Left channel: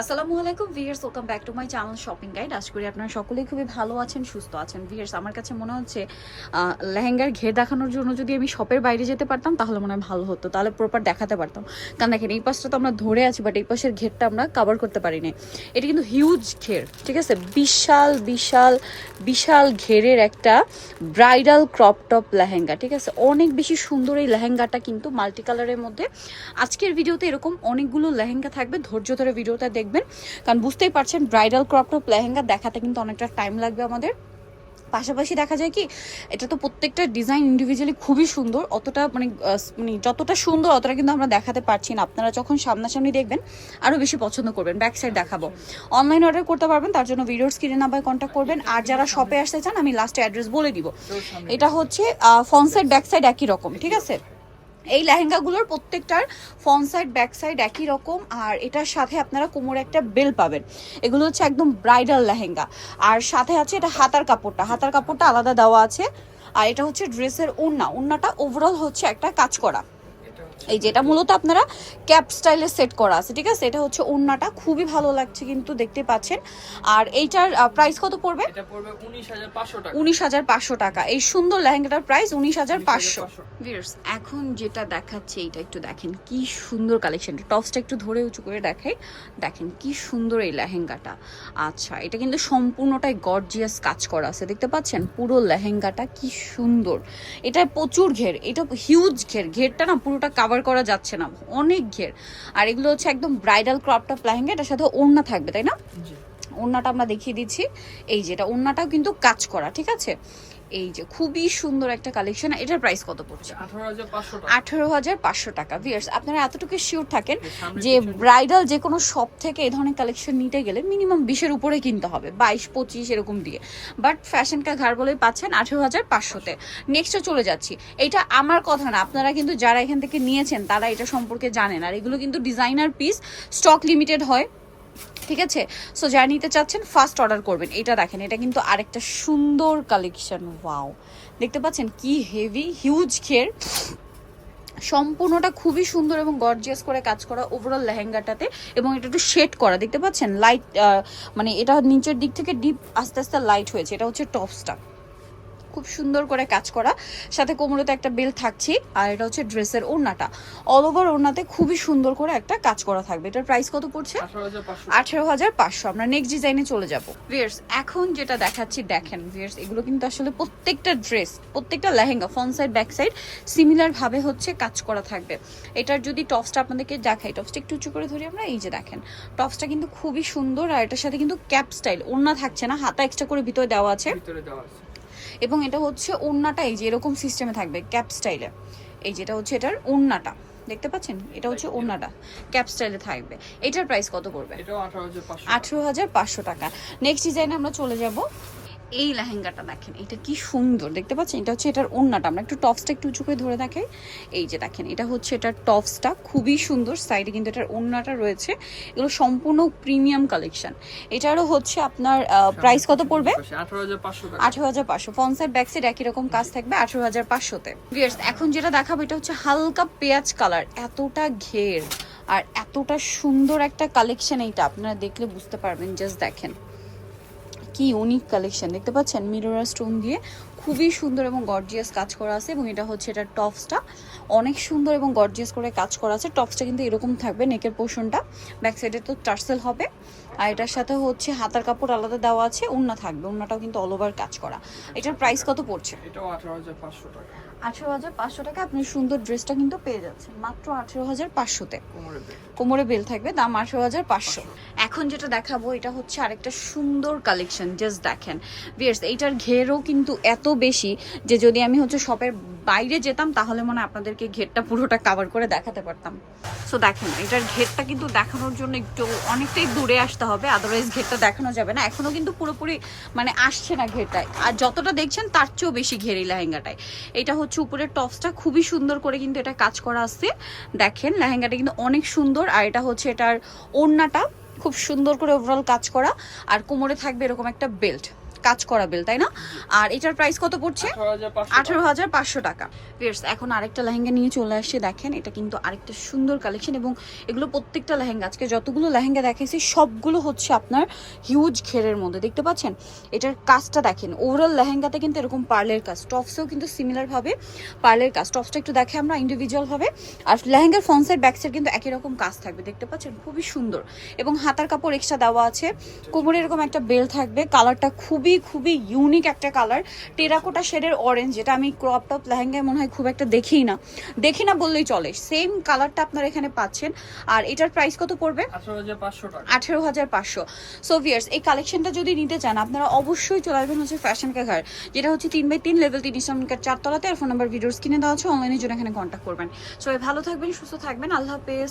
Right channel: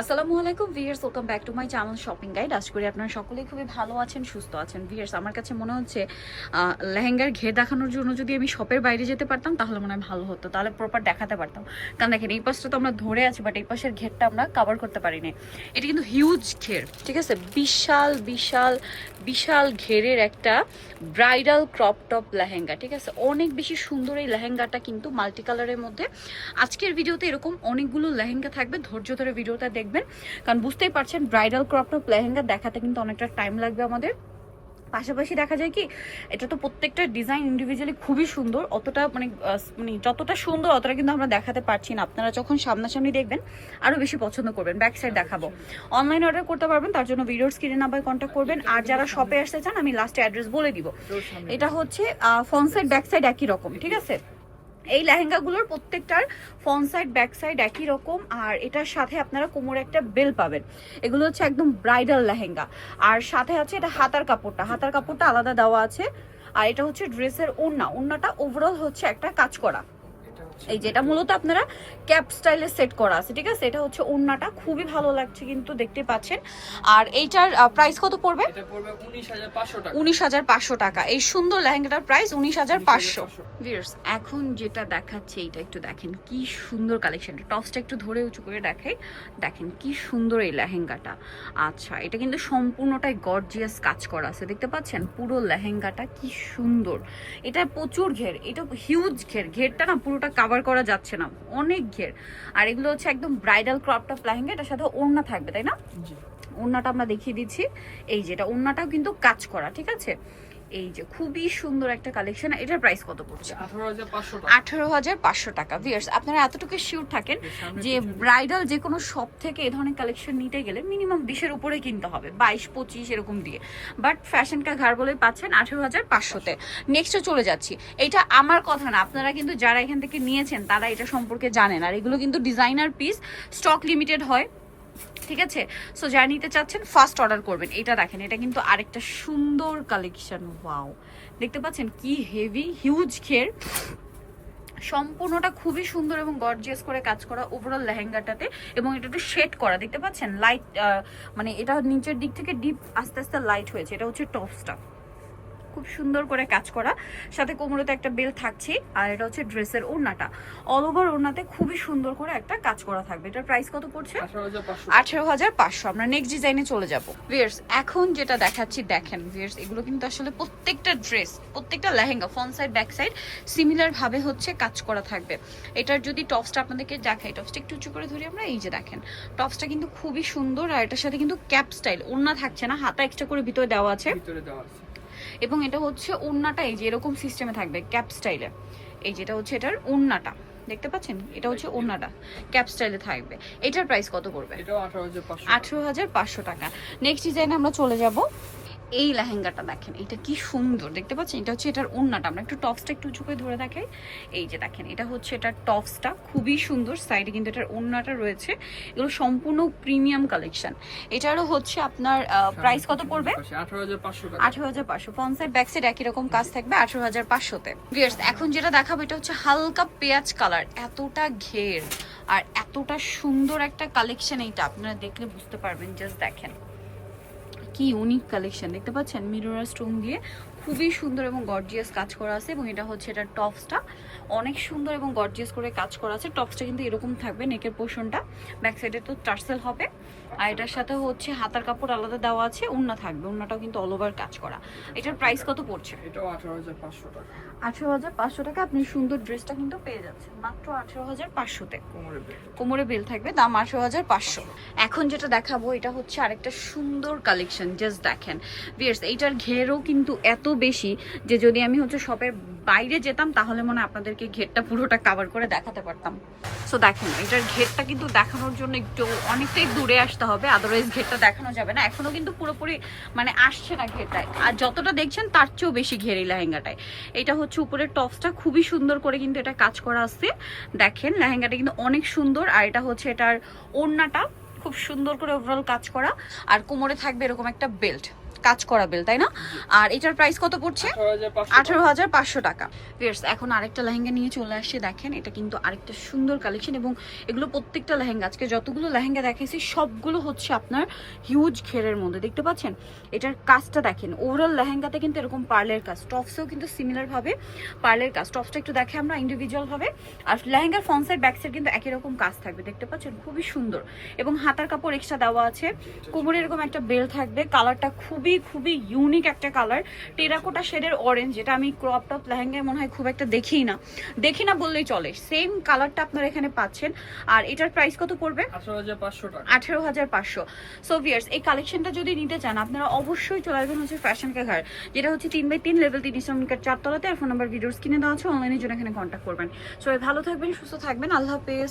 আসসালামু আলাইকুম viewers welcome back to my channel shopping guide আশা করি আপনারা সকলেই খুবই ভালো আছেন, সুস্থ আছেন। ভিয়ার্স আমার কাছে মনে হচ্ছে লেহেঙ্গার ঘের দেখানোর জন্য যদি আমি শপের বাইরে যেতে পারতাম, তাহলে মনে হয় ভালো হতো। তাহলে প্রপার দেখাতে পারতাম। কারণ দেখেন, এই পাশটা তো আমরা ধরে আছি বাট এই পাশের ঘেরটা আমরা কভার করতে পারিনি। এটা কিন্তু হিউজ ঘের, ঠিক আছে? বিশাল বিশাল বিশাল ঘেরের একটা ব্রাইডাল ক্রপ টপ লেহেঙ্গা, ঠিক আছে? অনেক বেশি সুন্দর এই লেহেঙ্গাটা কিন্তু মাল্টি কালারের মধ্যে। আজকের ভিডিওতে এরকম অনেকগুলো লেহেঙ্গা থাকবে। ধৈর্য ধরে ভিডিওটা দেখবেন। কারণ বুঝতেই পারছেন ব্রাইডাল ক্রপ টপ লেহেঙ্গা দেখাতে কিন্তু অনেকটা টাইম লাগবে আমাদের। পাশাপাশি দেখা যায় কি এটা তো প্রত্যেকটা ডিজাইন ইন্ডিভিজুয়ালি খুবই সুন্দর। অতটা মানে মানে যতটা সুন্দর অতটা কিন্তু আমরা দেখাতে পারছি না। আপনারা যখন সামনাসামনি দেখবেন আরও বেশি পছন্দ করবেন। ব্যাক সাইড দেখাবো। অনলাইন অর্ডার করতে পারবেন তার জন্য ভিডিওর স্ক্রিনে নাম্বার কন্ট্যাক্ট করবেন। আর যারা শপে আসতে চান আমি লাস্টে অ্যাড্রেস বলে দিব। এটা হচ্ছে ফ্রন্ট সাইড ব্যাক সাইড একই রকম ঠিক আছে? এই লেহেঙ্গাগুলোর প্রত্যেকটার ফ্রন্ট সাইড, ব্যাক সাইড একই রকম, আর এটার সাথে আপনারা কোমরে একটা বেল পাবেন। এগুলো হচ্ছে একদম ব্রাইডাল লেহেঙ্গা। আর সাথে আছে এটা হাতার কাপড়টা। হাতার কাপড়টা আলাদা দেওয়া আছে। আর এটা হচ্ছে ড্রেসের ওড়না। ওড়নাটা ওভারঅল হচ্ছে একটা কাজ করা। এই যেটা মূলত আপনারা ক্যাপ স্টাইলে সেট করা আছে ঠিক আছে? এটা হচ্ছে ওড়নাটা খুবই ভালো লাগছে কিন্তু দেখতে পাচ্ছেন। আর এইটার প্রাইস কত পড়বে? এটা পড়বে উনিশ হাজার পাঁচশো টাকা। উনিশ হাজার পাঁচশো টাকা। এই সুন্দর লেহেঙ্গাটার প্রাইস উনিশ হাজার পাঁচশো। 19,500 ভিউয়ার্স এখন যেটা দেখাচ্ছে এটা একটু দেখেন কি সুন্দর কালেকশন টপসটা একটু ধরে উঁচু করে দেখাই দেখেন কি সুন্দর এই লেহেঙ্গাটা। আচ্ছা এটা কিন্তু সম্পূর্ণটাই গর্জিয়াস কাজ করা আছে দেখতে পাচ্ছেন? পুরো লেহেঙ্গাটা কি সুন্দর। এটা প্রচুর ঘের এটা হিউজ ঘের ঘেরটা না পুরোটা কাভার করা যাচ্ছে না। অনেক ঘের। আর এগুলো হচ্ছে একদম ব্রাইডাল ক্রপ অফ লেহেঙ্গা এটার সাথে ওড়না থাকবে তাই না? ওড়নাটা আমরা দেখিয়ে দিচ্ছি। এই যেটা ওড়নাটাও কিন্তু কাজ করা ঠিক আছে? এই যে খুবই সুন্দর একটা কালেকশন এটার প্রাইস কত পড়ছে? আঠারো হাজার পাঁচশো টাকা। ভিয়ার্স আপনারা এতটুকু শিওর থাকেন যে ব্রাইডাল যে কোনো শপ থেকে এই ধরনের কালেকশন নিতে গেলে মিনিমাম বিশের উপরে কিনতে হবে বাইশ পঁচিশ এরকম দিয়ে। বাট ফ্যাশন কা ঘর বলে পাচ্ছেন আঠেরো হাজার পাঁচশোতে। নেক্সটে চলে যাচ্ছি। এটা আমার কথা না আপনারা কিন্তু যারা এখান থেকে নিয়েছেন তারা এটা সম্পর্কে জানেন। আর এগুলো কিন্তু ডিজাইনার পিস স্টক লিমিটেড হয়। ঠিক আছে? সো যারা নিতে চাচ্ছেন ফার্স্ট অর্ডার করবেন। এটা দেখেন, এটা কিন্তু আরেকটা সুন্দর কালেকশন ওয়াও দেখতে পাচ্ছেন কি হেভি হিউজ খের সম্পূর্ণটা খুবই সুন্দর এবং গর্জিয়াস করে কাজ করা ওভারঅল লেহেঙ্গাটাতে এবং এটা একটু শেড করা। দেখতে পাচ্ছেন? লাইট মানে এটা নিচের দিক থেকে ডিপ আস্তে আস্তে লাইট হয়েছে। এটা হচ্ছে টপসটা খুব সুন্দর করে কাজ করা। সাথে কোমরেতে একটা বেল থাকছে আর এটা হচ্ছে ড্রেসের ওড়নাটা। অল ওভার ওড়নাতে খুবই সুন্দর করে একটা কাজ করা থাকবে। এটার প্রাইস কত পড়ছে? আঠারো হাজার পাঁচশো। আমরা নেক্সট ডিজাইনে চলে যাব। ভিয়ার্স এখন যেটা দেখাচ্ছি দেখেন ভিয়ার্স এগুলো কিন্তু আসলে প্রত্যেকটা ড্রেস প্রত্যেকটা lehenga front side back side similar ভাবে হচ্ছে কাজ করা থাকবে। এটার যদি টপসটা আপনাদেরকে দেখাই টপসটা একটু উঁচু করে ধরি আমরা এই যে দেখেন টপসটা কিন্তু খুবই সুন্দর আর এটার সাথে কিন্তু ক্যাপ স্টাইল ওড়না থাকছে না হাতা এক্সট্রা করে ভিতরে দেওয়া আছে। ভিতরে দেওয়া আছে। এবং এটা হচ্ছে ওড়নাটা এই যে এরকম সিস্টেমে থাকবে ক্যাপ স্টাইলে এই যেটা হচ্ছে এটার ওড়নাটা দেখতে পাচ্ছেন? এটা হচ্ছে ওড়নাটা ক্যাপ স্টাইলে থাকবে। এটার প্রাইস কত পড়বে? আঠেরো হাজার পাঁচশো টাকা। নেক্সট ডিজাইনে আমরা চলে যাব। এই লেহেঙ্গাটা দেখেন এটা কি সুন্দর দেখতে পাচ্ছেন? এটা হচ্ছে এটার ওড়নাটা আমরা একটু টপসটা একটু উঁচু করে ধরে দেখাই। এই যে দেখেন এটা হচ্ছে এটার টপসটা খুবই সুন্দর সাইডে কিন্তু এটার ওড়নাটা রয়েছে। এগুলো সম্পূর্ণ প্রিমিয়াম কালেকশন এটারও হচ্ছে আপনার প্রাইস কত পড়বে? আঠারো হাজার পাঁচশো আঠারো হাজার পাঁচশো। ব্যাক সাইড একই রকম কাজ থাকবে আঠারো হাজার পাঁচশোতে। এখন যেটা দেখাবো এটা হচ্ছে হালকা পেঁয়াজ কালার এতটা ঘের আর এতটা সুন্দর একটা কালেকশন এইটা। আপনারা দেখলে বুঝতে পারবেন জাস্ট দেখেন। কি ইউনিক কালেকশন দেখতে পাচ্ছেন মিররা স্টোন দিয়ে খুবই সুন্দর এবং গর্জিয়াস কাজ করা আছে এবং এটা হচ্ছে এটার টপসটা অনেক সুন্দর এবং গর্জিয়াস করে কাজ করা আছে। টপসটা কিন্তু এরকম থাকবে নেকের পোর্শনটা ব্যাক সাইডে তো টার্সেল হবে। আর এটার সাথে হচ্ছে হাতার কাপড় আলাদা দেওয়া আছে ওড়না থাকবে। ওড়নাটাও কিন্তু অল ওভার কাজ করা। এটার প্রাইস কত পড়ছে? এটাও আঠারো হাজার পাঁচশো টাকা। আঠেরো হাজার পাঁচশো টাকা। আপনি সুন্দর ড্রেসটা কিন্তু পেয়ে যাচ্ছেন। মাত্র আঠেরো হাজার পাঁচশোতে। কোমরে বেল কোমরে বেল থাকবে। দাম আঠেরো হাজার পাঁচশো। এখন যেটা দেখাবো এটা হচ্ছে আরেকটা সুন্দর কালেকশন জাস্ট দেখেন। ভিয়ার্স এইটার ঘেরও কিন্তু এত বেশি যে যদি আমি হচ্ছে শপের বাইরে যেতাম, তাহলে মনে আপনাদেরকে ঘেরটা পুরোটা কাভার করে দেখাতে পারতাম। সো দেখেন, এটার ঘেরটা কিন্তু দেখানোর জন্য একটু অনেকটাই দূরে আসতে হবে আদারওয়াইজ ঘেরটা দেখানো যাবে না। এখনও কিন্তু পুরোপুরি মানে আসছে না ঘেরটা। আর যতটা দেখছেন, তার চেয়েও বেশি ঘের এই লেহেঙ্গাটায়। এটা হচ্ছে উপরের টপসটা, খুবই সুন্দর করে কিন্তু এটা কাজ করা আছে। দেখেন, লেহেঙ্গাটা কিন্তু অনেক সুন্দর, আর এটা হচ্ছে এটার ওড়নাটা, খুব সুন্দর করে ওভারঅল কাজ করা। আর কোমরে থাকবে এরকম একটা বেল্ট কাজ করা বেল তাই না? আর এটার প্রাইস কত পড়ছে? আঠারো হাজার পাঁচশো টাকা। এখন আরেকটা লেহেঙ্গা নিয়ে চলে আসছে দেখেন এটা কিন্তু আরেকটা সুন্দর কালেকশন এবং এগুলো প্রত্যেকটা লেহেঙ্গা আজকে যতগুলো লেহেঙ্গা দেখেছি সবগুলো হচ্ছে আপনার হিউজ ঘেরের মধ্যে দেখতে পাচ্ছেন? এটার কাজটা দেখেন ওভারঅল লেহেঙ্গাতে কিন্তু এরকম পার্লের কাজ টপসেও কিন্তু সিমিলার ভাবে পার্লের কাজ টপসটা একটু দেখে আমরা ইন্ডিভিজুয়াল ভাবে আর লেহেঙ্গার ফ্রন্টসের ব্যাকসের কিন্তু একই রকম কাজ থাকবে দেখতে পাচ্ছেন? খুবই সুন্দর। এবং হাতার কাপড় এক্সট্রা দেওয়া আছে কোমরে এরকম একটা বেল থাকবে কালারটা খুবই খুবই ইউনিক একটা কালার টেরাকোটা শেডের অরেঞ্জ যেটা আমি ক্রপ টপ লেহেঙ্গায় মনে হয় খুব একটা দেখি না। দেখি না বললেই চলে। সেম কালারটা আপনারা এখানে পাচ্ছেন। আর এটার প্রাইস কত পড়বে? আঠারো হাজার পাঁচশো টাকা। হাজার পাঁচশো। সো ভিয়ার্স এই কালেকশনটা যদি নিতে চান আপনারা অবশ্যই চলে আসবেন হচ্ছে ফ্যাশন কাঘার যেটা হচ্ছে তিন বাই তিন লেভেল তিন ইসলামিকার চারতলাতে। আর ফোন নাম্বার ভিডিওস কিনে দেওয়া আছে অনলাইনের জন্য এখানে কন্ট্যাক্ট করবেন। সবাই ভালো থাকবেন সুস্থ থাকবেন। আল্লাহ হাফেজ।